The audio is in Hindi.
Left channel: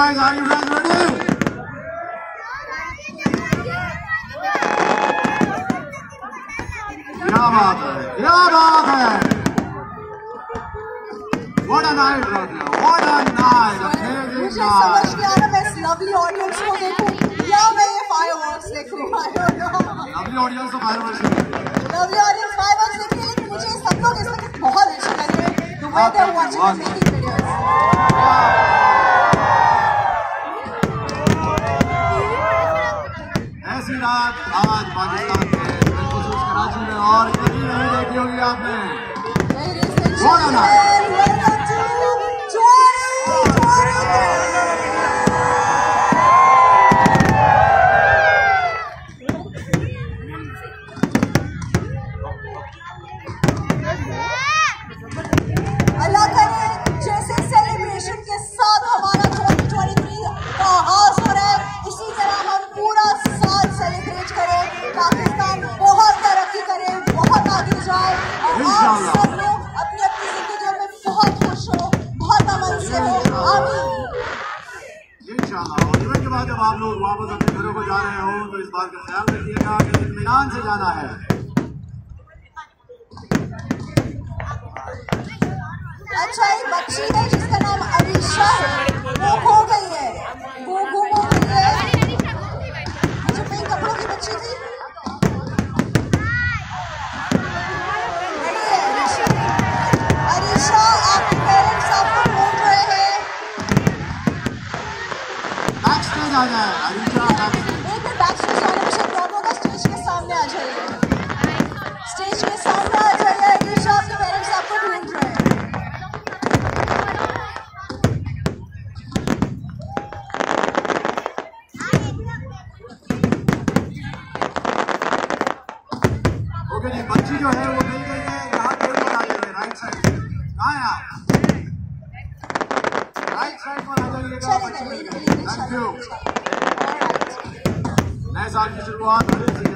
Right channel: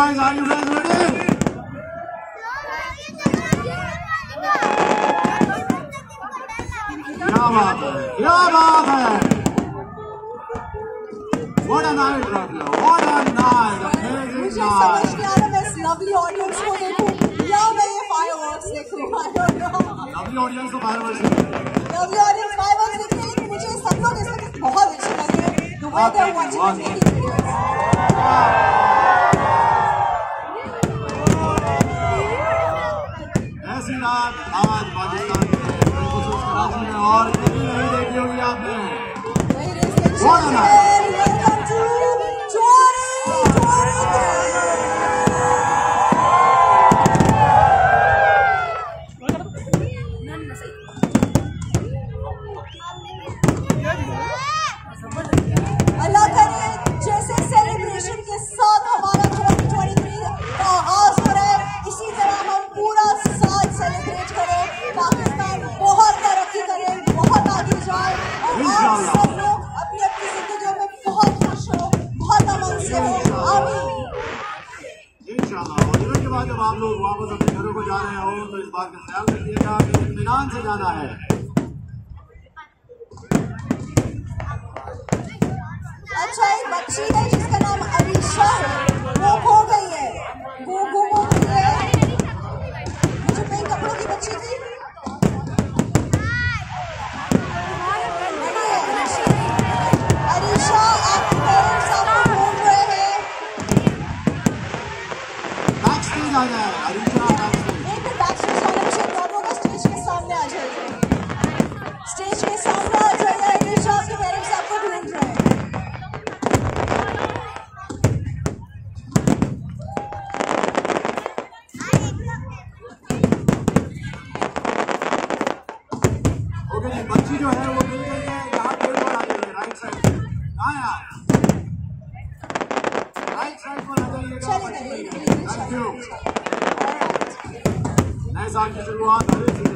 boys, are you guys ready? क्या बात है What a night right here, what a night, amazing मुझे समझ नहीं आ रहा मैं इस lovely audience को देखूं या मैं ये fireworks देखूं I don't know lovely audience तो fireworks देखिए lovely audience fireworks देखिए लेकिन मुझे सब लोग इस वक्त बहुत अच्छे लग रहे हैं the way they're watching and making videos ऐसी रात आज पाकिस्तान में बिलखुसूस कराची में और कभी नहीं देखी होगी आपने What a night welcome to अल्लाह करे जैसे सेलिब्रेशन के साथ हमारा 2023 का आगाज हो रहा है इसी तरह हम पूरा साल सेलिब्रेट करें पाकिस्तान बहुत तरक्की करे बहुत आगे जाए और आप सब लोग अपनी अपनी जिंदगी में बहुत खुश हो बहुत अमन से हो आमीन इंशाल्लाह और इवेंट के बाद जब आप लोग वापस अपने घरों को जा रहे हो तो इस बात का ख्याल रखिएगा कि इत्मीनान से जाना है अच्छा एक बच्ची है जिसका नाम अरीशा है वो खो गई है वो गुम हो गई है मुझे पिंक कपड़ों की बच्ची थी नहीं है अरीशा आपके पेरेंट्स आपको ढूंढ रहे हैं बैक स्टेज आ जाए अरीशा एक तो बैक स्टेज आने मुझे दोनों का स्टेज के सामने आ जाइए स्टेज के सामने आ जाइए अरीशा आपके पेरेंट्स आपको ढूंढ रहे हैं बच्ची जो है वो मिल गई है यहाँ कोई पर आ जाए राइट साइड कहाँ है आप राइट साइड पर आ जाइएगा थैंक यू नए साल की शुरुआत हो रही है